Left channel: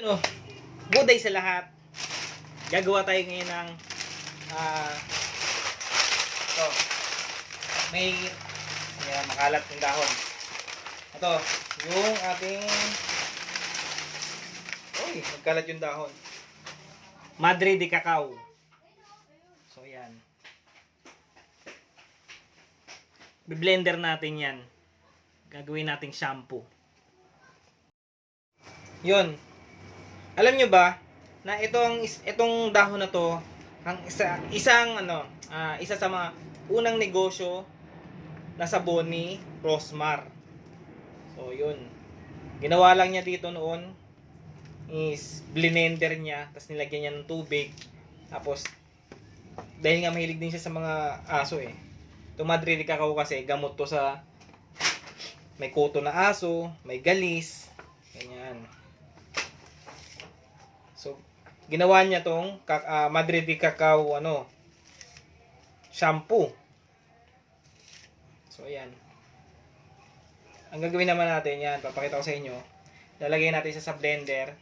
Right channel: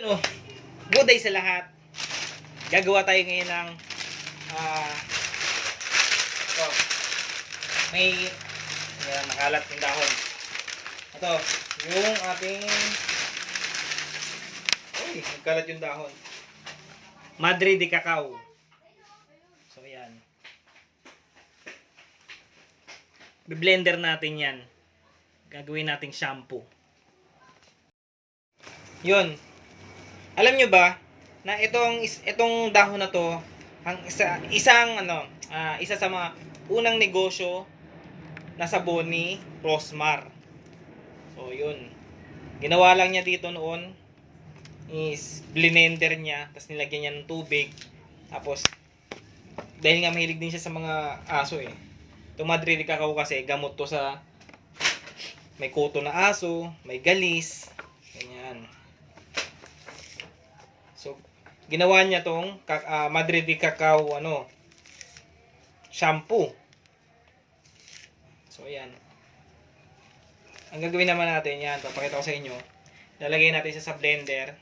Ano, good day sa lahat. Gagawa tayo ngayon ng ito. May makalat yung dahon. Ito, yung ating nagkalat yung dahon. Madre de Cacao. So yan. Bi-blender natin yan. Gagawin nating shampoo. Yun. Alam nyo ba na itong dahon na to ang isa sa mga unang negosyo na sabon ni Rosmar. So yun. Ginawa lang niya dito noon is blender niya, tapos nilagyan niya ng tubig. Tapos dahil nga mahilig din siya sa mga aso Itong Madre de Cacao kasi gamot to sa may kuto na aso, may galis, ganyan. So, ginawa niya tong Madre de Cacao shampoo. So, ayan. Ang gagawin naman natin yan, papakita ko sa inyo. Lalagay natin siya sa blender.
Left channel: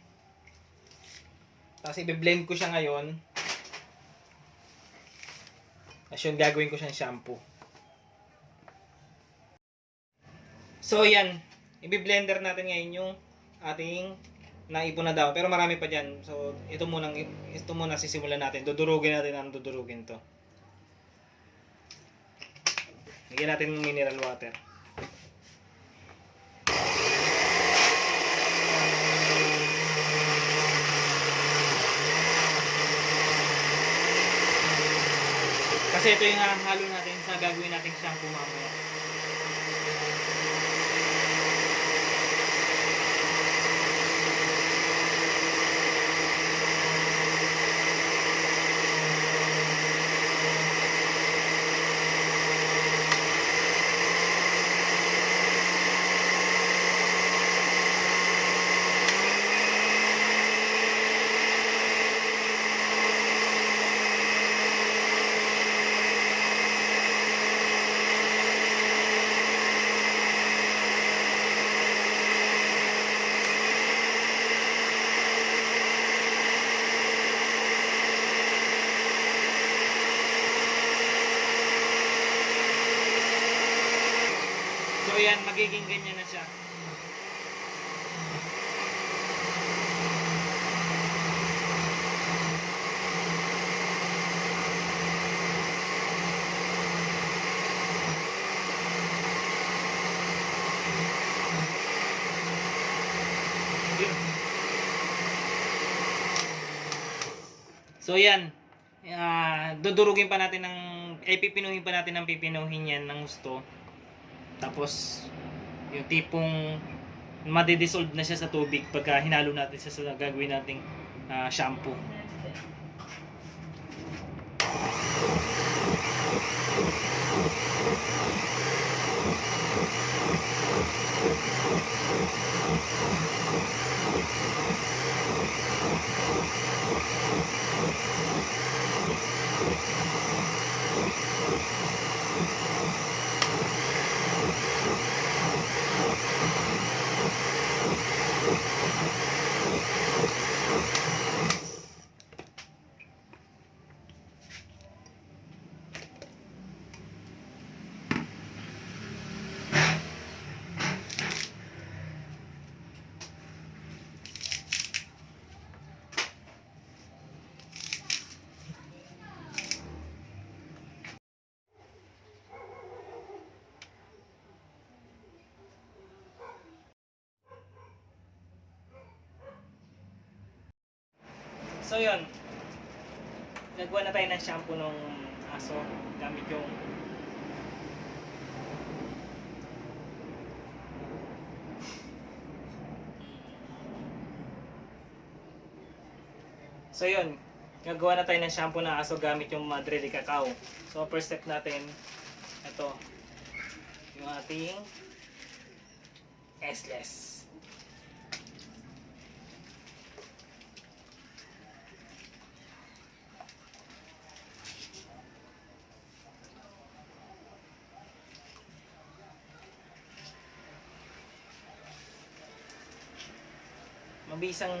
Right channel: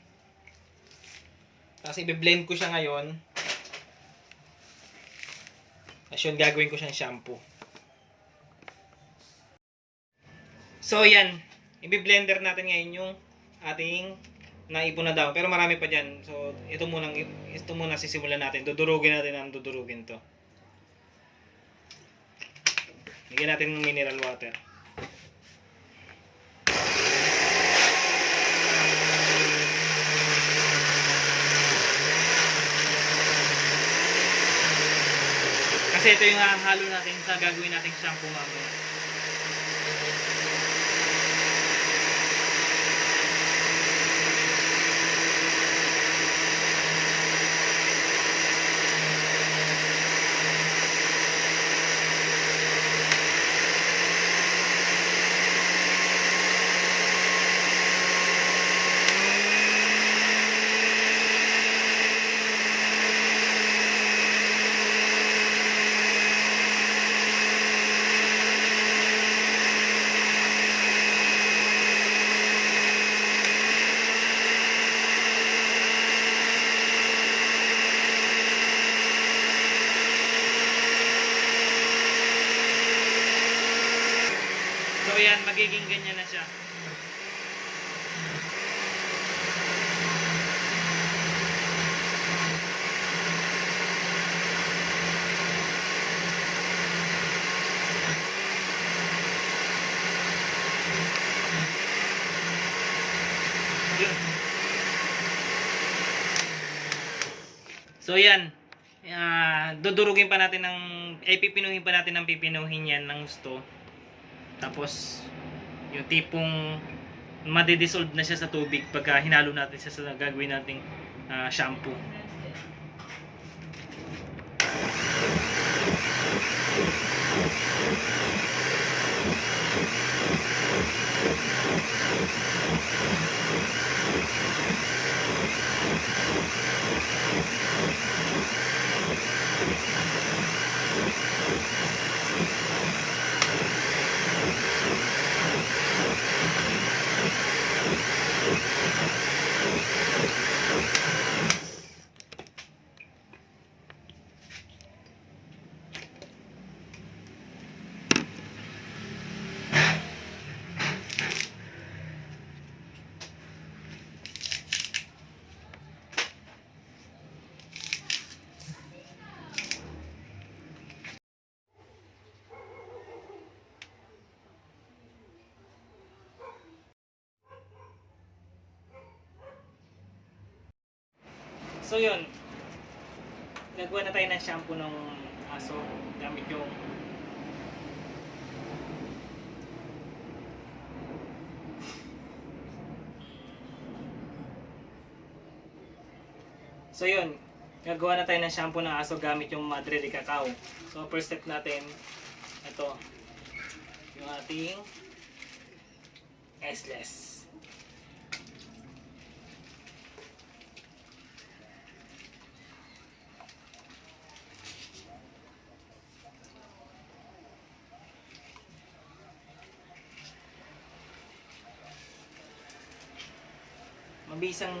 Tapos i-blend ko siya ngayon. Tapos yun, gagawin ko siyang shampoo. So, yan. I-blender natin ngayon yung ating naipon na dahon. Pero marami pa dyan. So, ito muna sisimulan natin. Dudurugin natin ang dudurugin to. Lagyan natin ng mineral water. Kasi ito yung halo natin sa gagawin nating shampoo mamaya. So yan, magiging ganyan na siya. Yun. So yan. Dudurugin pa natin pipinuhin pa natin ng pipinuhin yan ng gusto. Tapos yung tipong madidissolve na siya sa tubig pagka hinalo natin siya sa gagawin nating shampoo. So yun, gagawa na tayo ng shampoo ng aso gamit yung gagawa na tayo ng shampoo ng aso gamit yung Madre de Cacao. So first step natin, ito yung ating S-less. Mabisang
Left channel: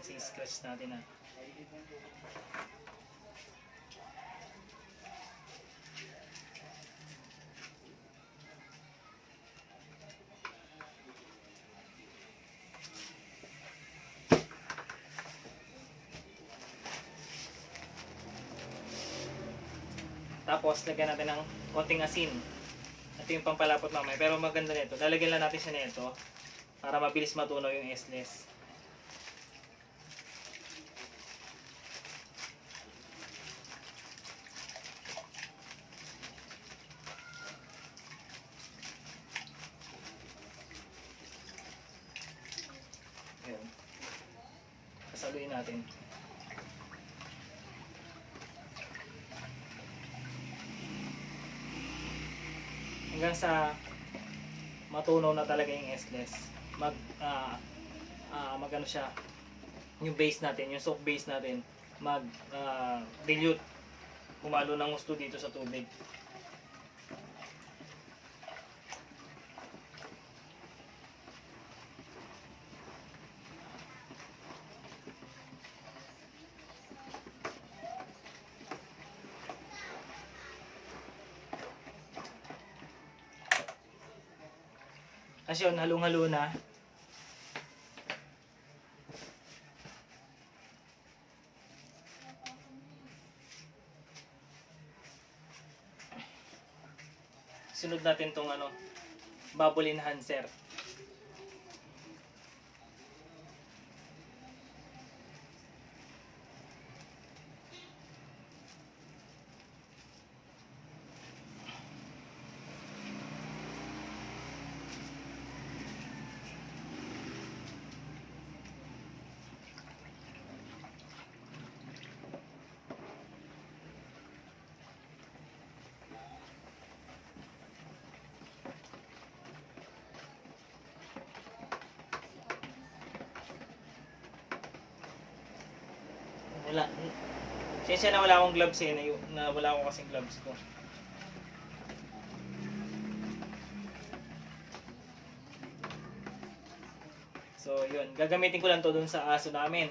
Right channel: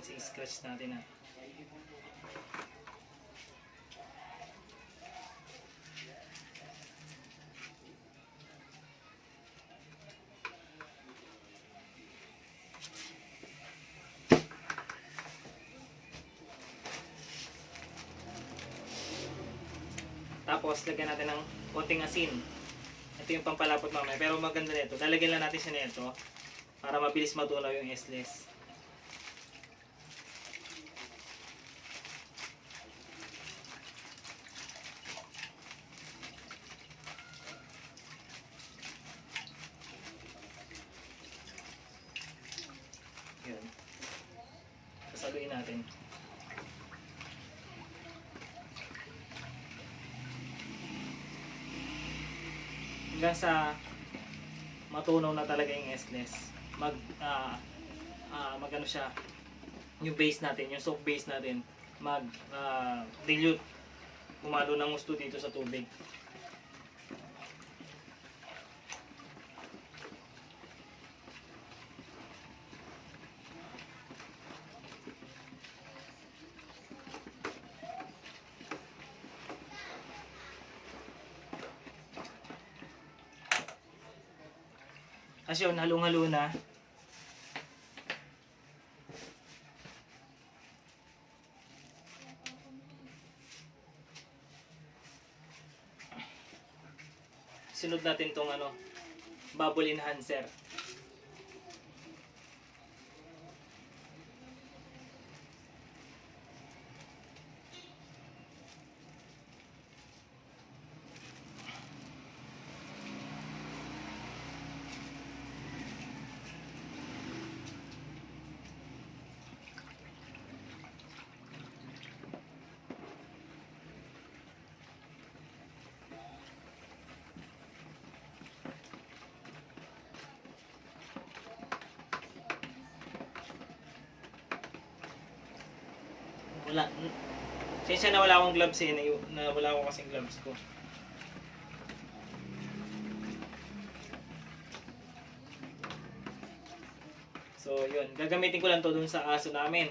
scratch natin na. Tapos, lagyan natin ng konting asin. Ito yung pampalapot mamaya. Pero maganda nito. Lalagyan lang natin siya nito para mabilis matunaw yung S-less. Yun. Sasaluin natin. Hanggang sa matunaw na talaga yung S-less. Mag ano siya, yung base natin, yung soap base natin, dilute. Kumalo ng gusto dito sa tubig. Kasi yun, halong-halo na. Sunod natin tong bubble enhancer. Wala. Sensya na wala akong gloves na wala akong kasing gloves ko. So, yun. Gagamitin ko lang to dun sa aso namin.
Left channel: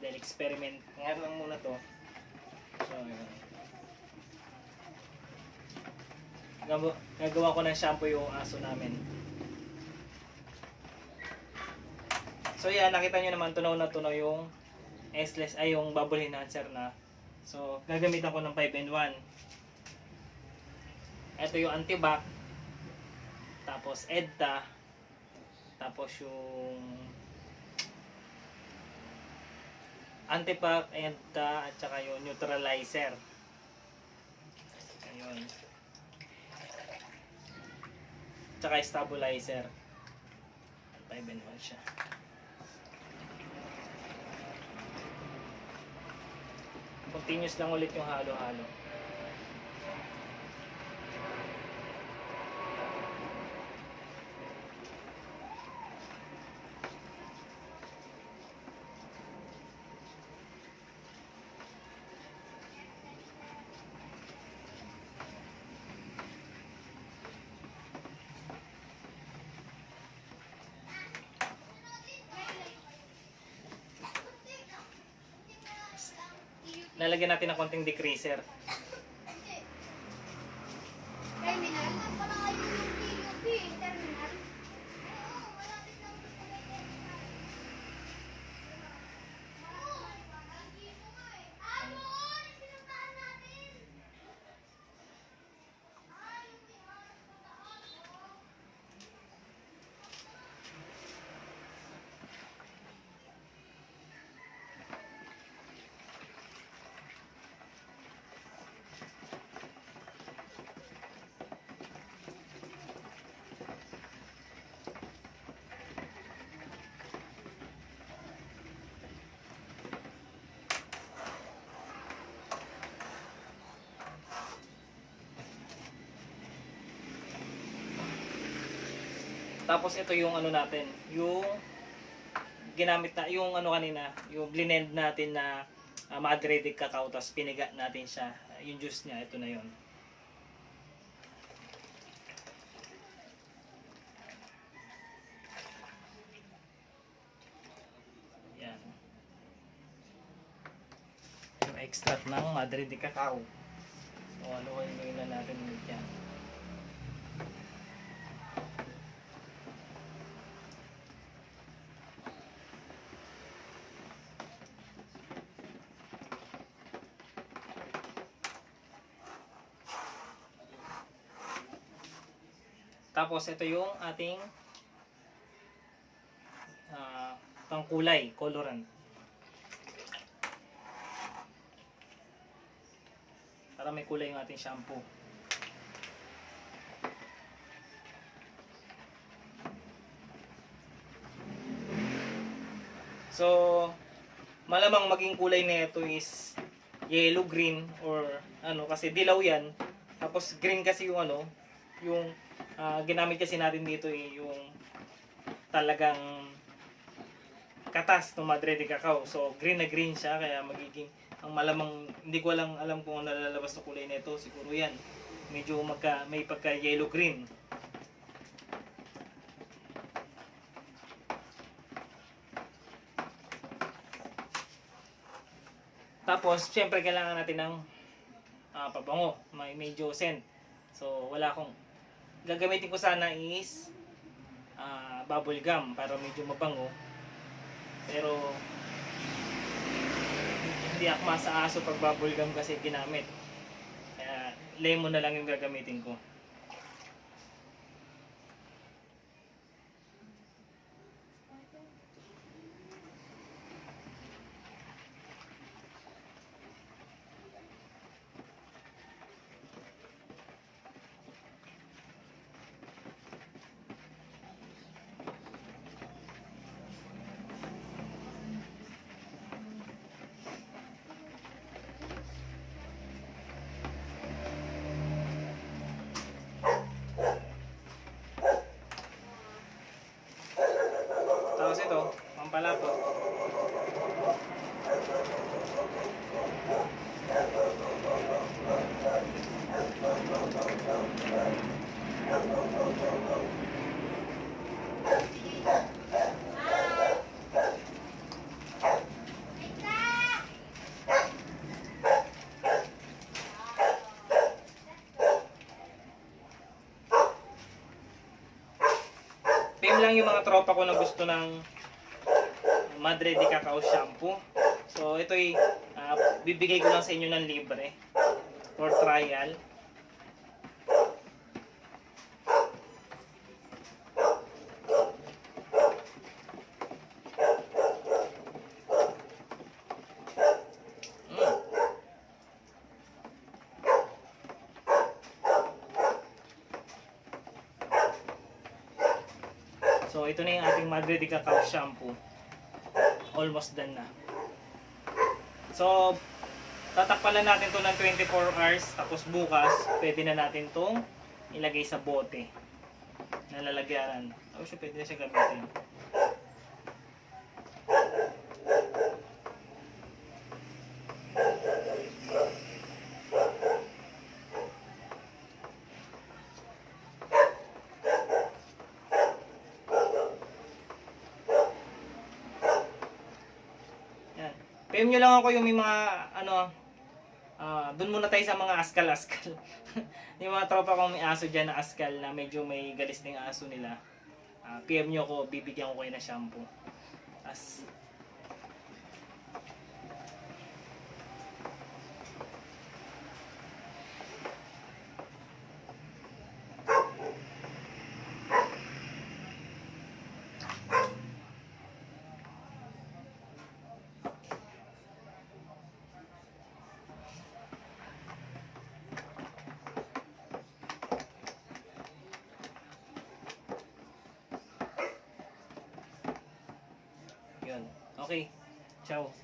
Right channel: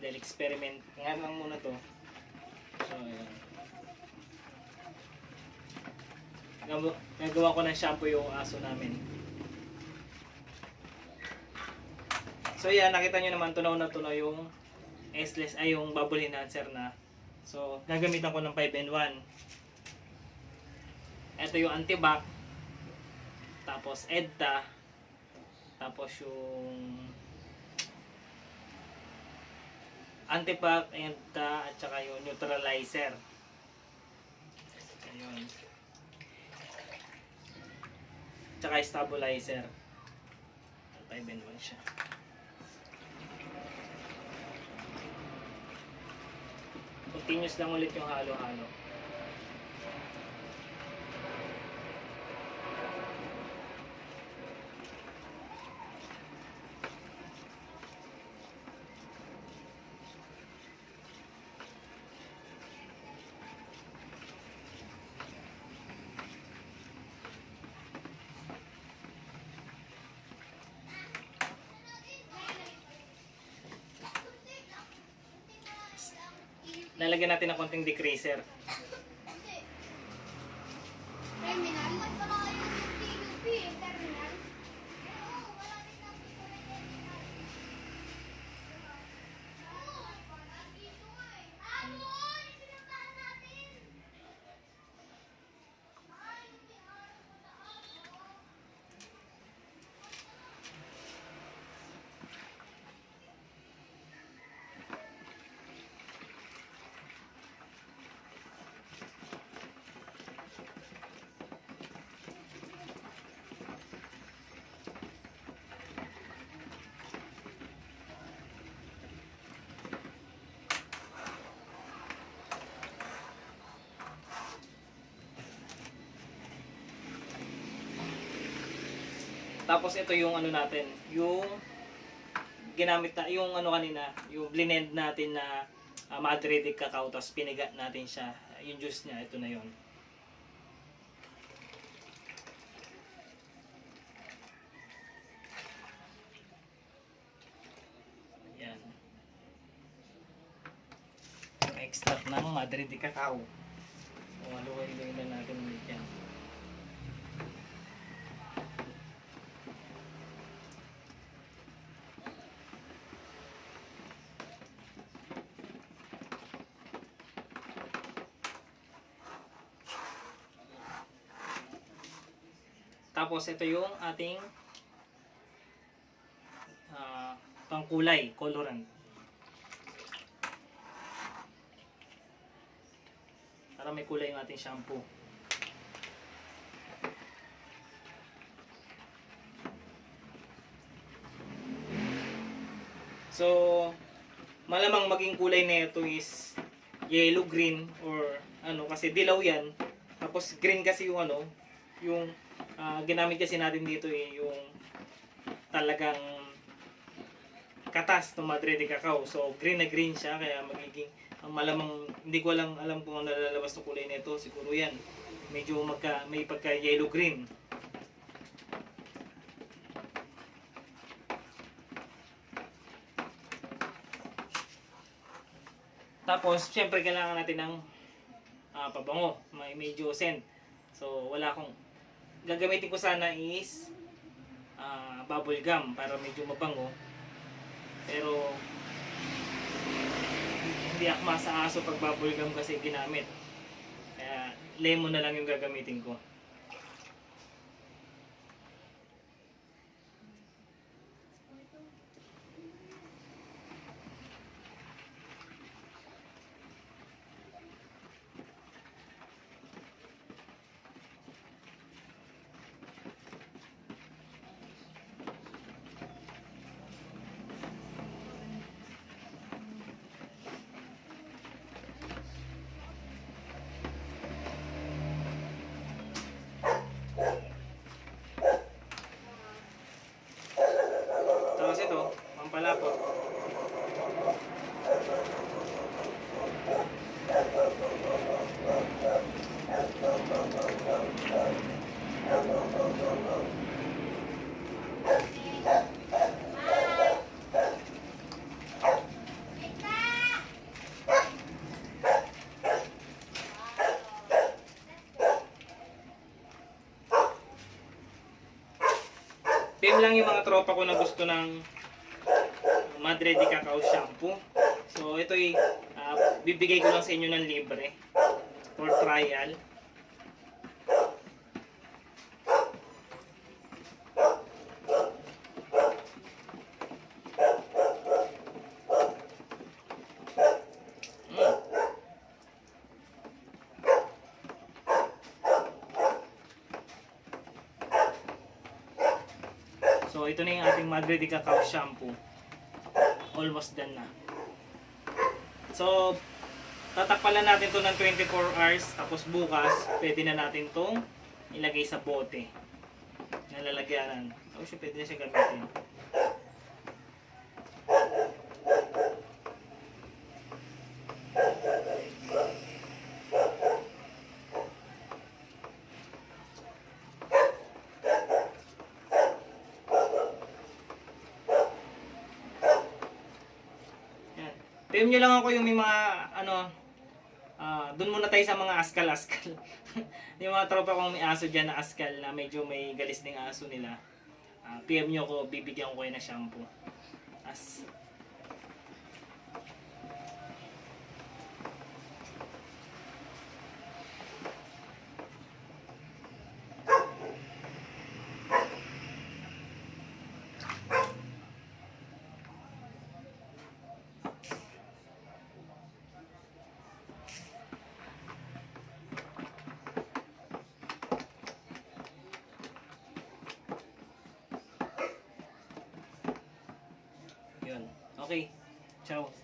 Then, experiment. Ngayon lang muna to. So, yun. Gagawa ko ng shampoo yung aso namin. So, yan. Nakita nyo naman, tunaw na tunaw yung S-less ay yung bubble enhancer na. So, gagamitan ko ng 5-in-1. Ito yung antibac. Tapos EDTA. Tapos yung antibac, EDTA, at saka yung neutralizer. Ayun. Tsaka stabilizer. 5-in-1 siya. Continuous lang ulit yung halo-halo. Lalagyan natin ng konting degreaser. Terminal? Tapos ito yung natin, yung ginamit na, yung kanina, yung blend natin na Madridic cacao, tapos piniga natin siya. Yung juice niya, ito na yun. Yan. extract ng Madre de Cacao. So, haluin na natin ulit yan. Tapos ito yung ating pangkulay, colorant. Para may kulay yung ating shampoo. So, malamang maging kulay nito is yellow green or ano kasi dilaw yan. Tapos green kasi yung ano, yung ginamit kasi natin dito yung talagang katas ng Madre de Cacao. So green na green siya kaya magiging ang malamang hindi ko alam kung ano lalabas ng kulay nito. Siguro yan. Medyo may pagka yellow green. Tapos syempre kailangan natin ng pabango, may medyo scent. So wala akong gagamitin ko sana is bubble gum para medyo mabango. Pero hindi ako masaaso pag bubble gum kasi ginamit. Kaya lemon na lang yung gagamitin ko. Tapos ito, pampalapot. PM lang yung mga tropa ko na gusto ng Madre de Cacao shampoo. So ito'y bibigay ko lang sa inyo ng libre for trial. So ito na yung ating Madre de Cacao shampoo. Almost done na. So tatakpan lang natin to ng 24 hours. Tapos bukas pwede na natin tong ilagay sa bote na lalagyanan. Tapos pwede na siya gamitin. PM nyo lang ako yung may mga dun muna tayo sa mga askal-askal. Yung mga tropa kong may aso dyan na askal na medyo may galis ng aso nila. PM nyo ko, bibigyan ko kayo ng shampoo. As yun. Okay. Ciao.